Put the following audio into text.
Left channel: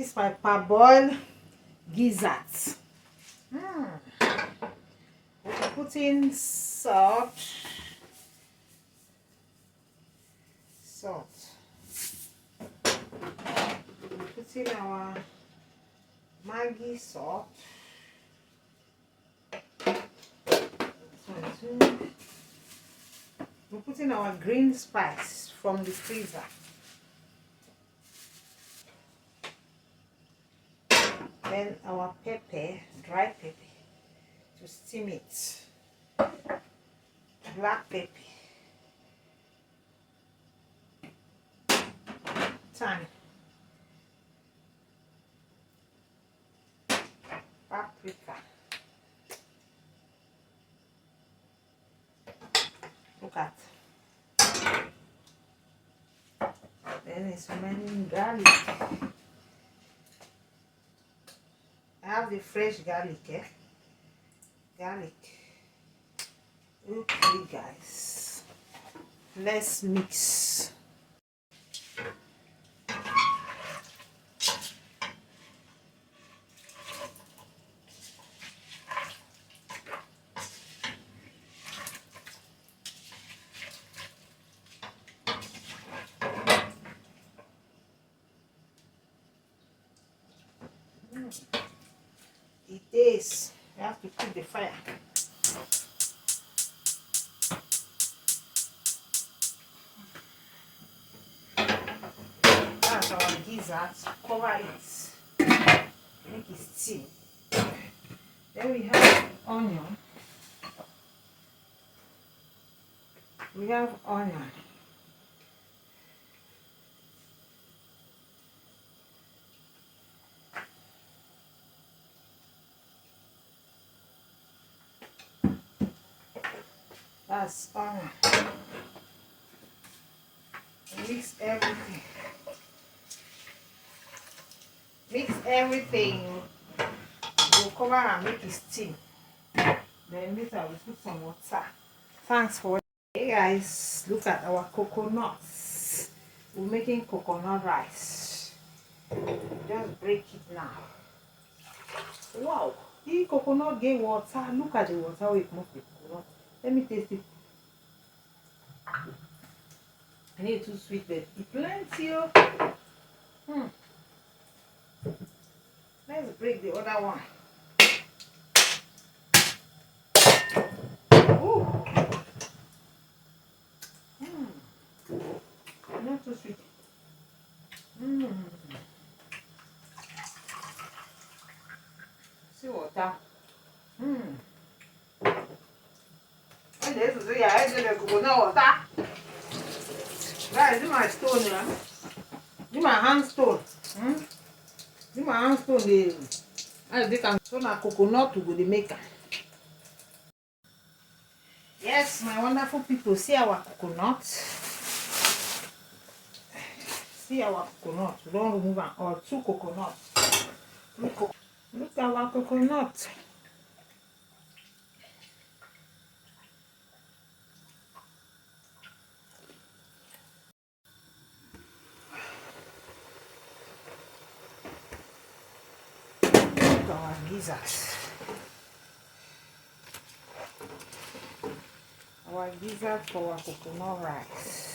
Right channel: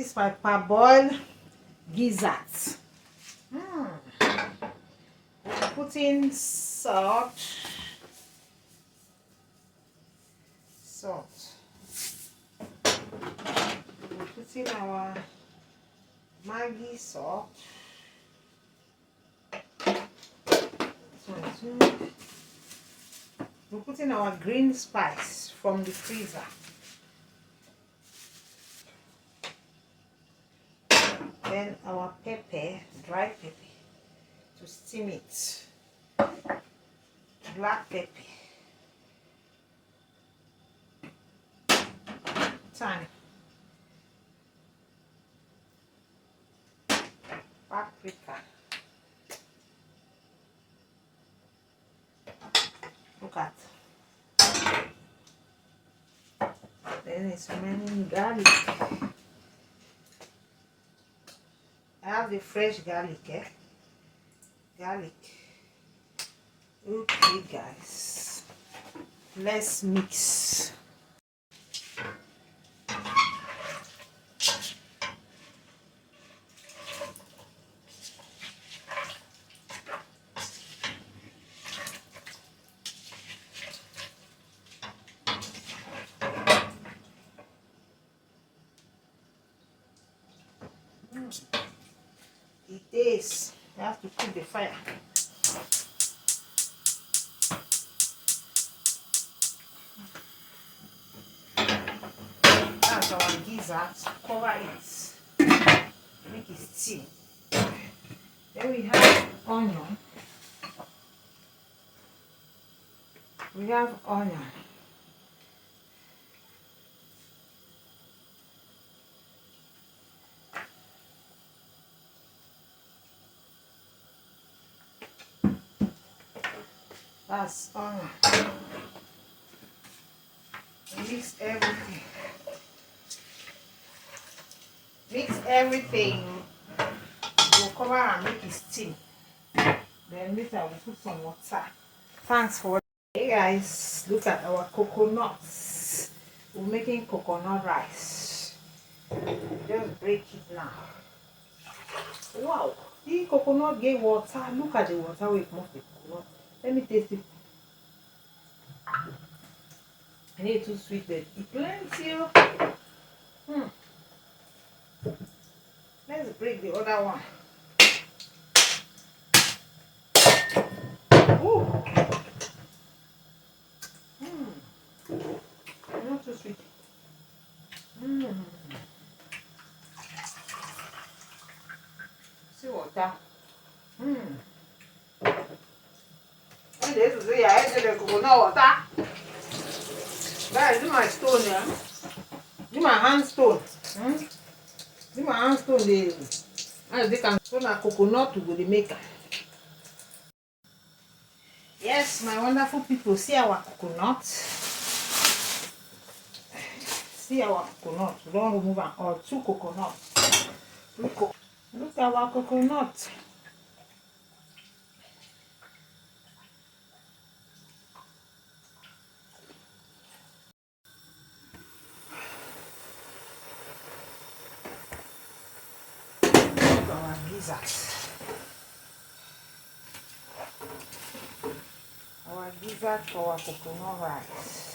This is my parboiled Gizas. We'll put in salt. We'll put in our Maggi salt. We'll put in our green spice from the freezer. Then our pepper, dry pepper, to steam it. Black pepper. Thyme. Paprika. Look at. Then it's remaining garlic. I have the fresh garlic, Garlic. Okay, guys. Let's mix. It is. You have to put the fire. That's our gizzards. Cover it. Make it steam. Then we have onion. That's onion. Mix everything. We'll cover and make it steam. Then later we'll put some water. Thanks for watching. Hey guys, look at our coconuts. We're making coconut rice. Just break it now. Wow, the coconut gave water. Look at the water we moved the coconut. Let me taste it. I need too sweet, but it's plenty. Let's break the other one. Ooh. Not too sweet. See water. And this is the idea of coconut water. Guys, do my stone, do my hand stone. Do my hand stone. They can stone a coconut to go the maker. Yes, my wonderful people, see our coconut. See our coconut. We don't remove all 2 coconuts. Look at our coconut. Our Gizas. Our Giza for our coconut rice.